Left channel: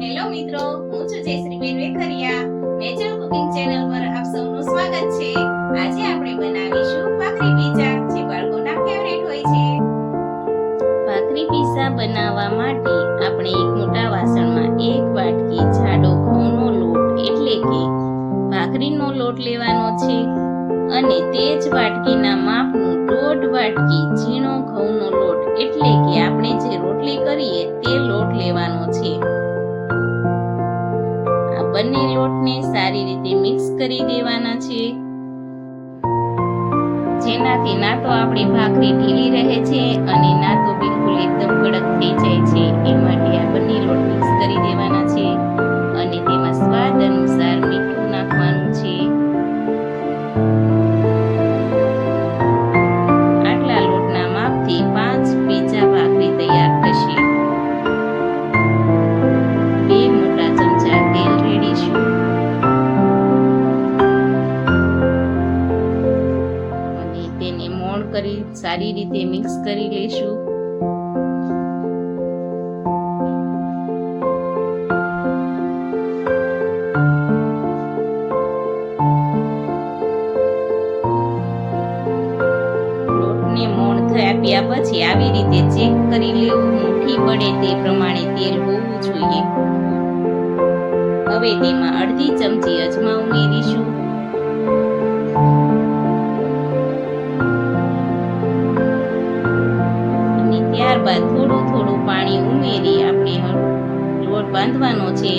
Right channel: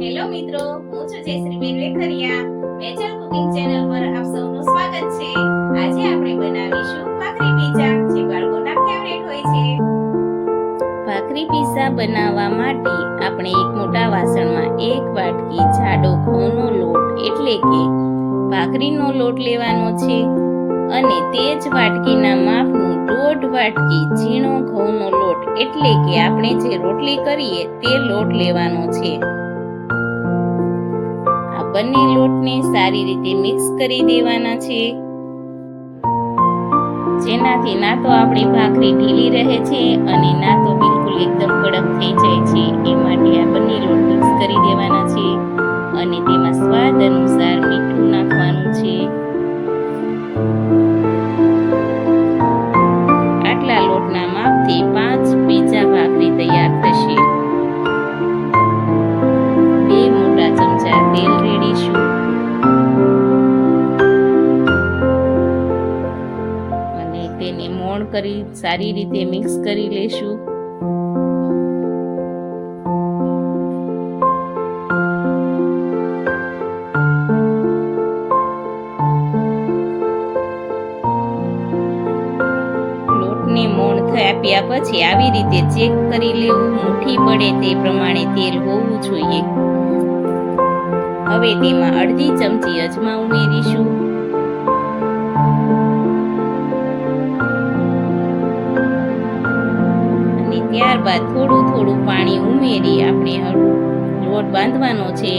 Hello મિત્રો, હું છું જયશ્રીબેન વેખરિયા. નેચરલ કુકિંગ ચેનલ પર આપ સૌનું સ્વાગત છે. આજે આપણે બનાવીશું ભાખરી પીઝા, જે બાળકોના ફેવરેટ હોય છે. ભાખરી પીઝા બનાવવા માટે આપણે એક મોટા વાસણમાં એક વાટકી જાડો ઘઉંનો લોટ એટલે કે ભાખરીનો લોટ લેવાનો છે અને તે જ વાટકીના માપનું 1.5 વાટકી ઝીણો ઘઉંનો લોટ એટલે કે આપણે જે રોટલી કરીએ તે લોટ લેવાનો છે. આ બંને લોટને સારી રીતે મિક્સ કરી દેવાના છે, જેનાથી ના તો આપણી ભાખરી ઢીલી રહે છે અને ના તો બિલકુલ એકદમ કડક થઈ જાય છે. એ માટે આ બંને લોટ મિક્સ કરી દેવાના છે અને તેમાં સ્વાદ અનુસાર મીઠું નાખવાનું છે. આટલા લોટના માપથી 5 પીઝા ભાખરી તૈયાર થશે. 2 મોટા ચમચા તેલ રેડીશું અને તેને મોણ કરી સારી રીતે મિક્સ કરી લેશું. લોટને મોણ આપ્યા પછી આવી રીતે ચેક કરી લેવું, મુઠ્ઠી પડે તે પ્રમાણે તેલ હોવું જોઈએ. હવે તેમાં અડધી ચમચી અજમા ઉમેરીશું અને ત્યારબાદ થોડું પાણી ઉમેરી આપણે લોટ બાંધવાનો છે.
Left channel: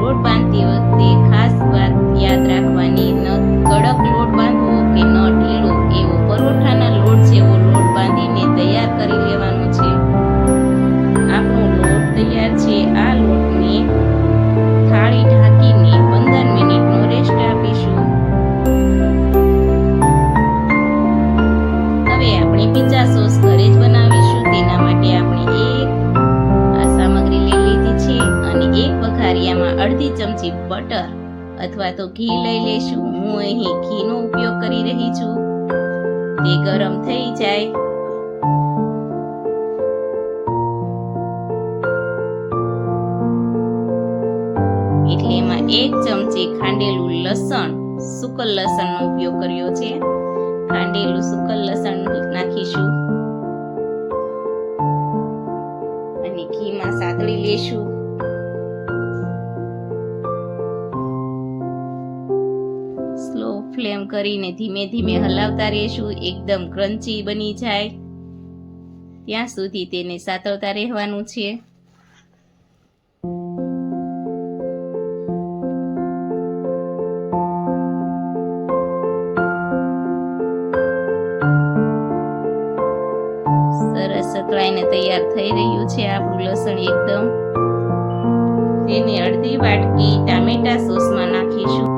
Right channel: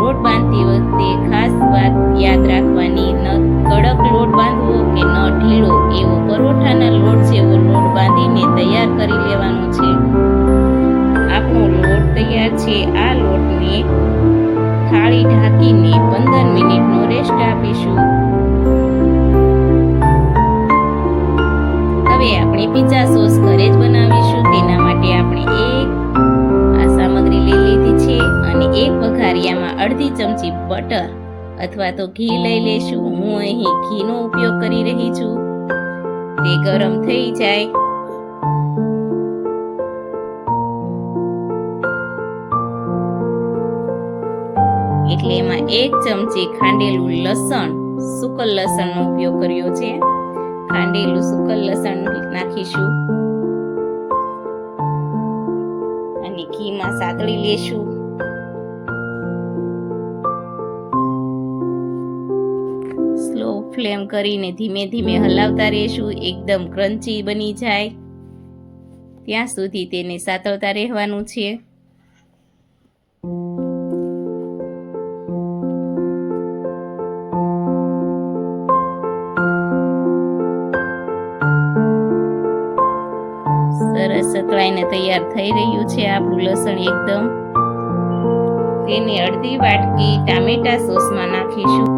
લોટ બાંધતી વખતે ખાસ વાત યાદ રાખવાની, ન કડક લોટ બાંધવો કે ન ઢીલો, એવો પરોઠાના લોટ જેવો લોટ બાંધીને તૈયાર કરી લેવાનો છે. આપણો લોટ તૈયાર છે. આ લોટને થાળી ઢાંકીને 15 મિનિટનો રેસ્ટ આપીશું. હવે આપણે પિઝા સોસ ઘરે જ બનાવીશું. તેના માટે આપણે આ સામગ્રી લઈ લીધી છે અને એક વઘારિયામાં અડધી ચમચી બટર અથવા તો ઘી લઈ લેશું. હું અહીં ઘીનો ઉપયોગ કરી રહી છું. તે ગરમ થઈ જાય એટલે એમાં 1 ચમચી ખાંડેલું લસણ, સૂકલ લસણનો ઉપયોગ કર્યો છે. ખાંડેલું સૂકલ લસણ નાખીશું અને ઘીમાં સાતળી લેશું. સ્લો ફ્લેમ કરીને ધીમે ધીમે હલાવતા રહેશું. એકદમ ક્રન્ચી બની જાય ત્યાં સુધી તેને સાતળતા રહેવાનું છે. સરસ સતળાઈને તૈયાર થઈ રહ્યું છે આપણું લસણ એકદમ. તેને અડધી વાટકી ટામેટા સોસમાં નાખીશું.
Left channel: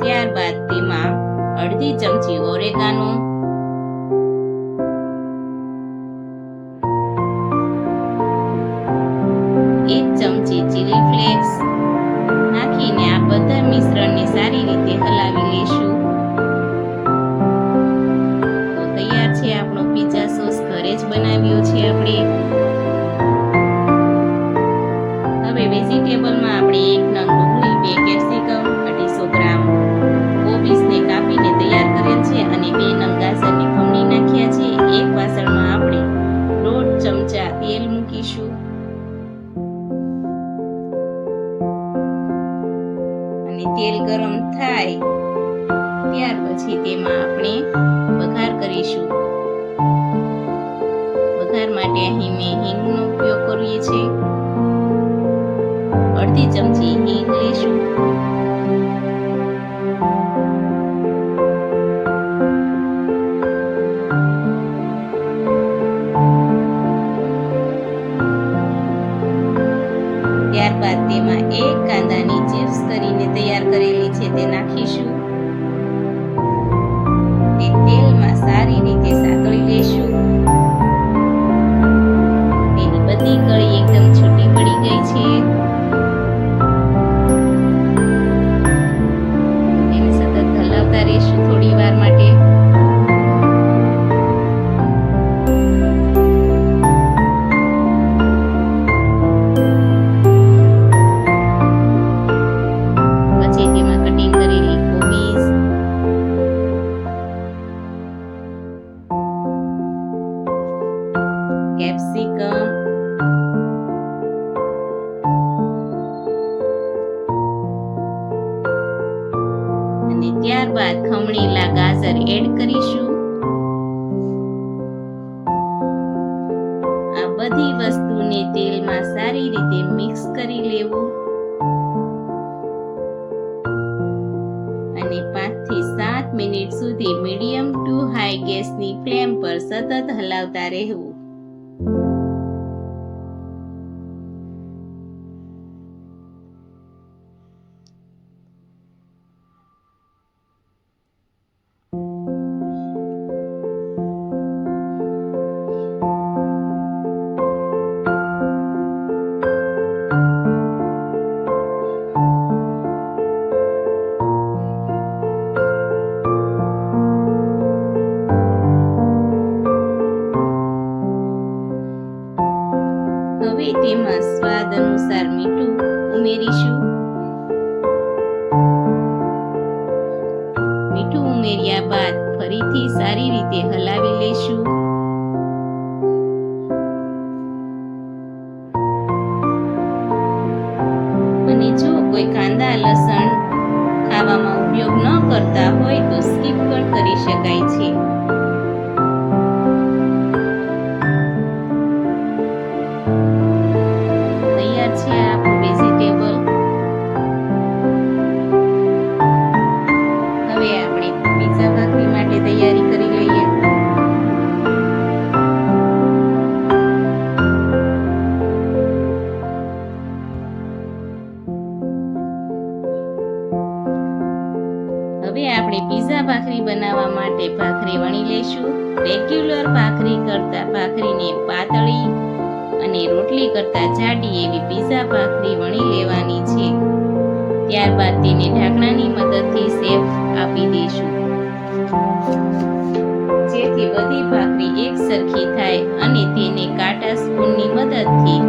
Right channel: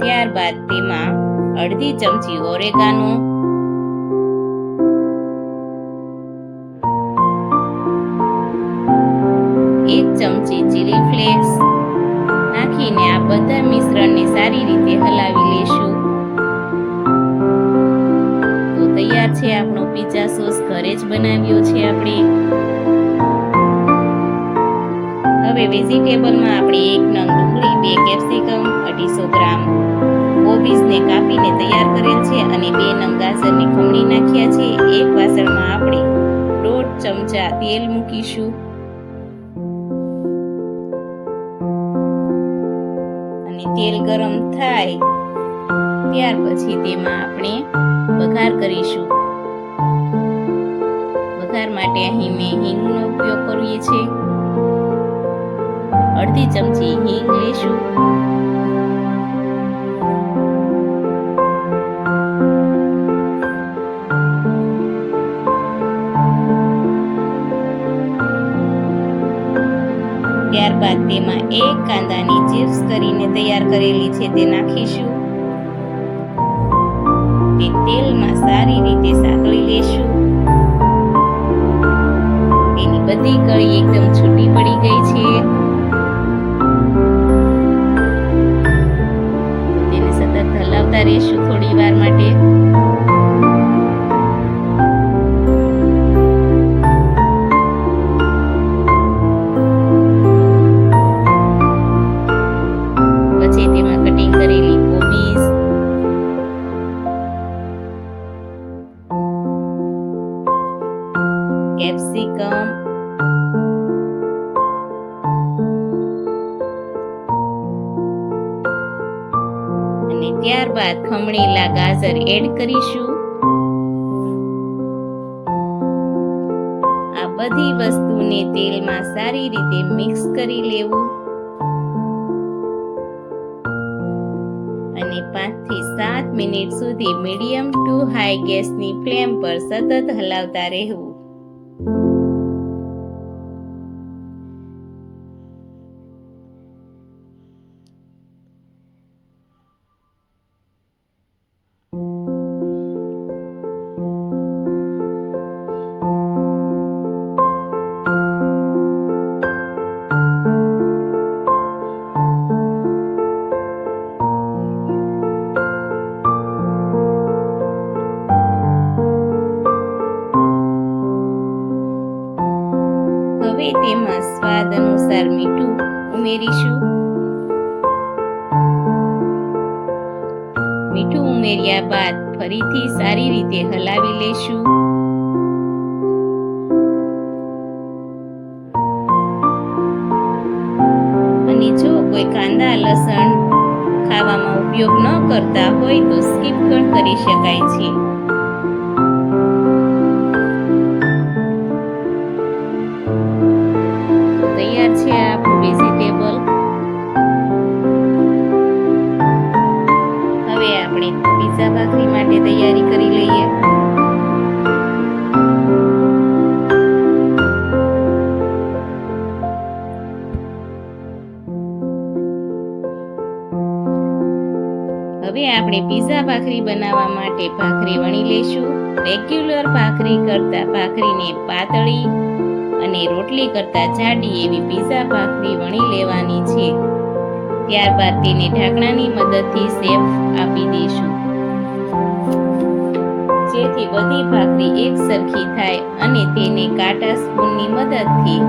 ત્યારબાદ તેમાં અડધી ચમચી ઓરેગાનો, 1 ચમચી ચીલી ફ્લેક્સ નાખીને આ બધા મિશ્રણને સારી રીતે હલાવી લેશું. તો તૈયાર છે આપણો પિઝા સોસ. ઘરે જ બનાવ્યો છે આપણે. હવે વેજીટેબલમાં આપણે 1 નંગ ડુંગળી, 2 કેપ્સિકમ, 250 ગ્રામ કોબીજને કાપીને તૈયાર કરેલ છે અને 2 નંગ ગાજરને ખમણી નાખ્યા છે. એક વાસણમાં આપણે 1.5 ચમચા તેલ મૂકીશું અને તેલ ગરમ થાય ત્યાર પછી તેમાં આપણે વઘાર કરીશું. વઘાર માટે અહીં મેં હિંગનો ઉપયોગ કરીએ છીએ. અડધી ચમચી હિંગ લઈશું. ત્યારબાદ તેમાં 1 કાંદાની ચિપ્સ કરીને તૈયાર કરેલી છે તે નાખીશું. તે તેલમાં સારી રીતે સાતળી લેશું. તેની બધી કળી એકદમ છૂટી પડી ગઈ છે. તેને સતત હલાવતા રહેશું થોડી વાર માટે. પછી તેમાં કટિંગ કરેલી કોબીજ, કેપ્સિકમ, અને ત્યારબાદ ખમણેલા ગાજર એડ કરીશું. આ બધી વસ્તુને તેલમાં સારી રીતે મિક્સ કરી લેવું અને 5 થી 7 મિનિટ સુધી મીડિયમ ટુ હાઈ ગેસની ફ્લેમ પર સતત હલાવતા રહેવું. હવે તેમાં સ્વાદ અનુસાર મીઠું ઉમેરીશું. મીઠું ઉમેર્યા બાદ ફરીથી સારી રીતે હલાવી લેશું. અને જો કોઈ કાંદા લસણ ખાવામાં ઉપયોગ ન કરતા હોય તો સ્કીપ પણ કરી શકાય છે. તૈયાર છે આપણું વેજીટેબલ. હવે આપણે પીઝા ભાખરી માટે તૈયારી કરી લઈએ. હવે આપણે પીઝા ભાખરી બનાવવા માટે ભાખરી વણી લઈશું. રેગ્યુલર ભાખરી કરતા ભાખરીને પાતળી અને રોટલી કરતા જાડી એવી પીઝા ભાખરી વણી લેવાની છે. ત્યારબાદ તેને ઢાંકણાની મદદથી શેપ આપી દઈશું, જેથી બધી ભાખરી એક સરખી થાય અને તેને કાંટા સ્પૂનની મદદથી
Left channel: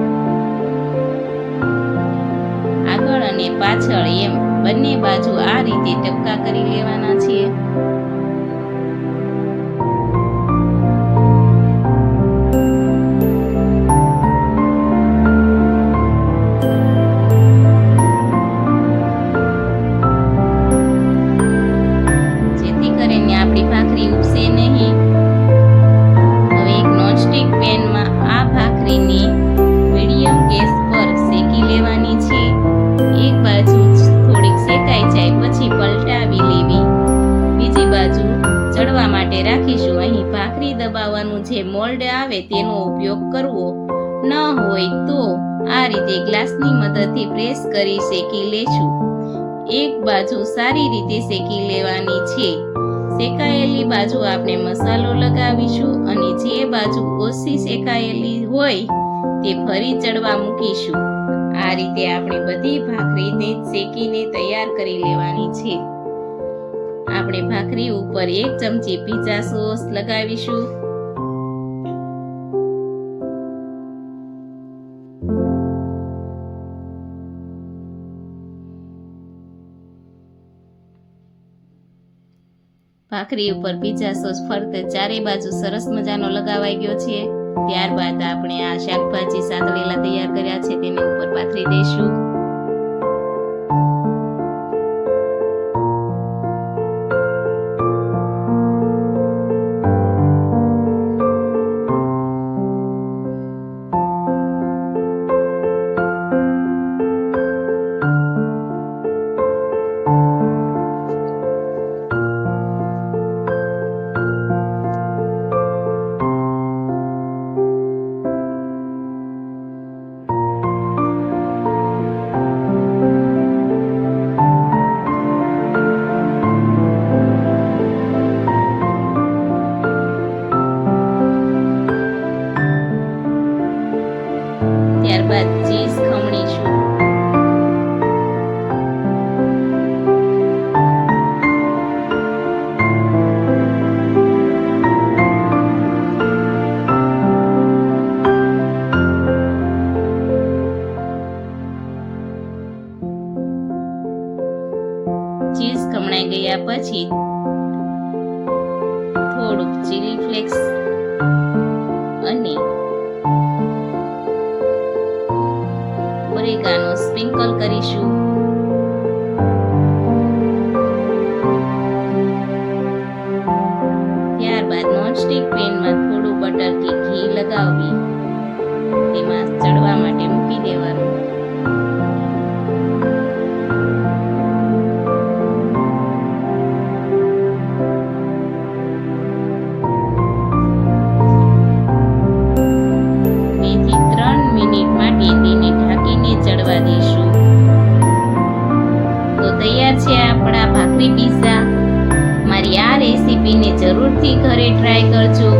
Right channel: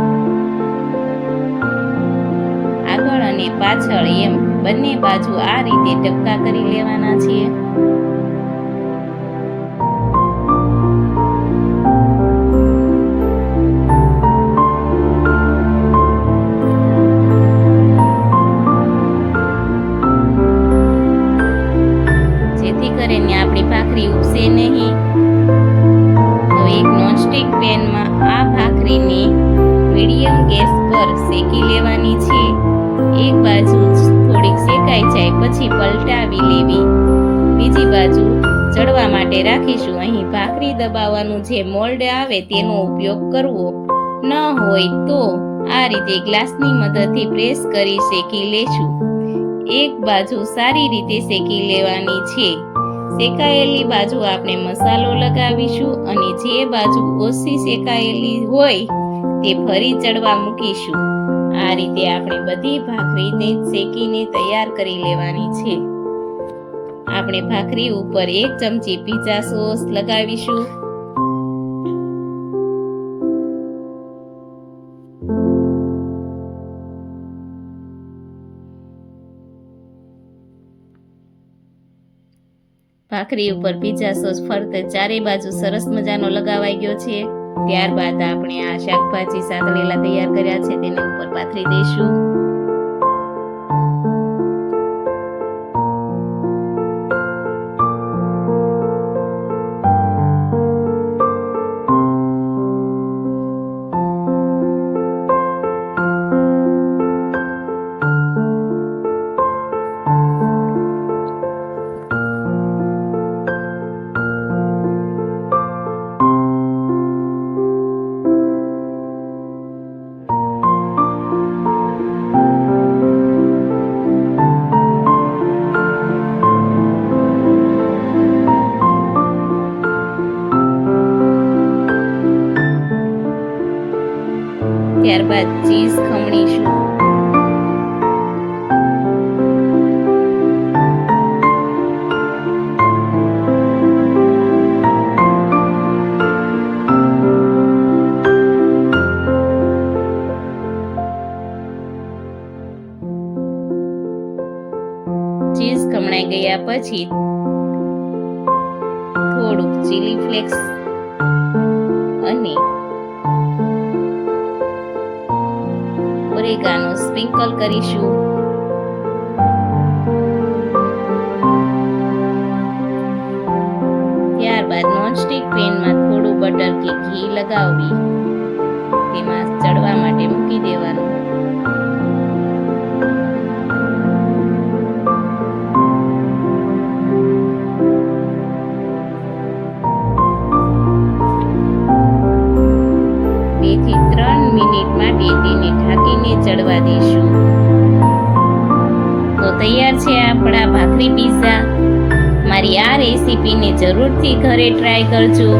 આગળ અને પાછળ એમ બંને બાજુ આ રીતે ટપકા કરી લેવાના છે. જેથી કરીને આપણી ભાખરી ઉપસે નહીં. હવે એક નોનસ્ટિક પેનમાં આ ભાખરીને મીડિયમ ગેસ પર શેકી લેવાની છે. એક બાજુ થોડીક શેકાઈ જાય પછી પલટાવી લેવી. બીજી બાજુ ચડવા માટે રાખીશું. અહીં ભાખરી દબાવવાનું જે મોલ્ડ આવે તેનો ઉપયોગ કરવો. ન હોય તો આ રીતે ગ્લાસની મદદથી પ્રેસ કરી શેકી લેશું. એક બાજુ સારી રીતે શેકી લેવાની છે. શેકાયેલી બાજુ આપણે મસાલો લગાવીશું અને જે બાજુ ઓછી શેકાયેલી હોય તે ફરી ચડવા મૂકીશું. આ રીતે આપણે બધી ભાખરીને શેકીને તૈયાર કરી લેવાની છે. આપણે ભાખરી ઉપર 1 ચમચી પિઝા સોસ લગાવીશું. ભાખરી ઉપર પિઝા સોસ ફરતે ચારે બાજુ સરસ મજાનો લગાવાઈ ગયો છે. ત્યારબાદ આપણે આ શાકભાજી સાતળેલા તૈયાર કર્યા છે તેને ઉપર પાથરી દઈશું. ત્યારબાદ ચીઝ ખમણીશું. ખમણાઈ ગયા પછી થોડુંક ચીલી ફ્લેક્સ અને ઓરેગાનો સ્પ્રિંકલ કરીશું. ત્યારબાદ નોનસ્ટિક પેનમાં થોડું બટર કે ઘી લગાવી તેમાં ચડવા માટે મૂકી દેવાનું. થી 3 મિનિટ માટે તેને ઢાંકીને ચડવા દઈશું. તો તૈયાર છે આપણા ભાખરી પીઝા. મારી આ રેસીપીને જરૂરથી ઘરે ટ્રાય કરજો.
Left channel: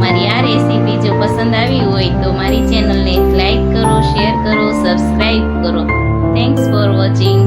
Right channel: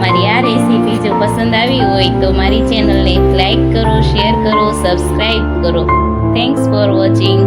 મારી આ રેસીપી જો પસંદ આવી હોય તો મારી ચેનલને લાઈક કરો, શેર કરો, સબસ્ક્રાઇબ કરો. Thanks for watching.